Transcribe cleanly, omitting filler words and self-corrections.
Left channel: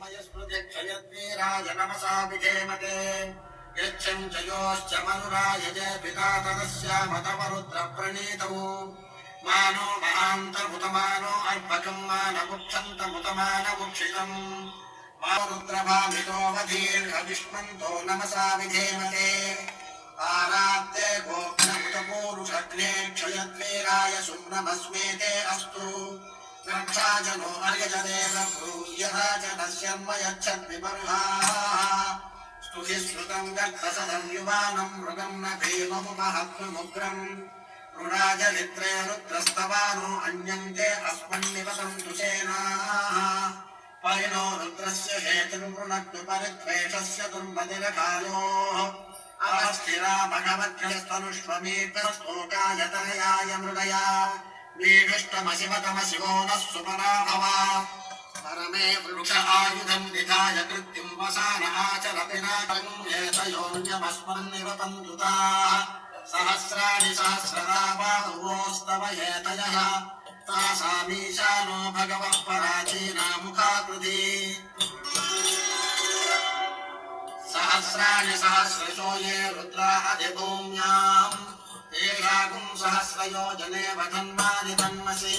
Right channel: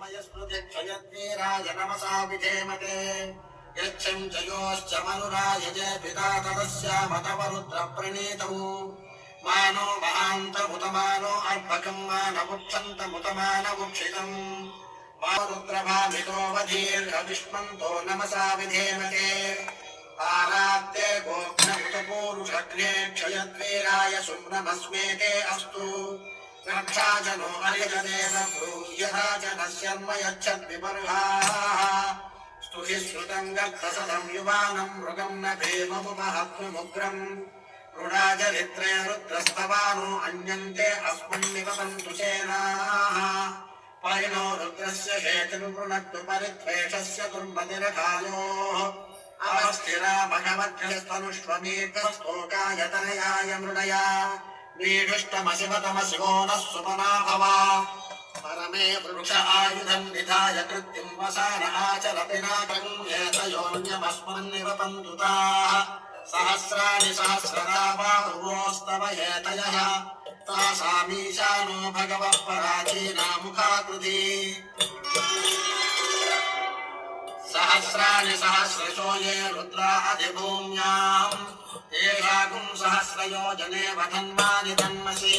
समयस्मृतिक्षयद्वीराय नमसा विधेमते यच्छं च योश्च मनुरायजे पिता तदस्यामतवरुद्रप्रणीतौ मानो महान्तमुतमानो अर्भकं मानमुच्छन्तमुतमानमुक्षितम् रुद्रभामितोऽवधीर्घविष्मन्तो नमसा विधेमते आरात्ते गोघ्नमुतपूरुषग्ने क्षयद्वीराय सुम्नमस्मेते अस्तु रक्षाजनो अर्यजदेव ब्रूह्यथा जनस्यर्म यच्छद्विमर्हाः स्तुहि श्रुतं गद्धसदं युवानं मृगं न भीममुपहत्वमुग्रम् ऋणाचरित्रे रुद्रस्तवानो अन्यन्ते अस्मन्निवसन्तु सेनाः परिणो रुद्रस्य हेतुर्वृणक्तु परित्वेषस्य दुर्मतिरकायोः अवस्थिरा भगवद्भ्यस्तनुष्वमीकस्तोकायतनयाय मृडया वीढुष्टमशिवतमशिवो नः सुमना भव परमे वृक्ष आयुधं निधाय कृत्तिं वसान आचरति नागेतयोऽन्यमस्मन्निव पन्तुताः सहस्राणि सहस्रदा बाहुवोस्तव हेतयः तासामीशानो भगवः पराचीनामुखाकृति सहस्राणि सहस्रशो ये रुद्रा अधिभूम्याम् ते रागुं सहस्रयोजने वधन्वानि तन्मसि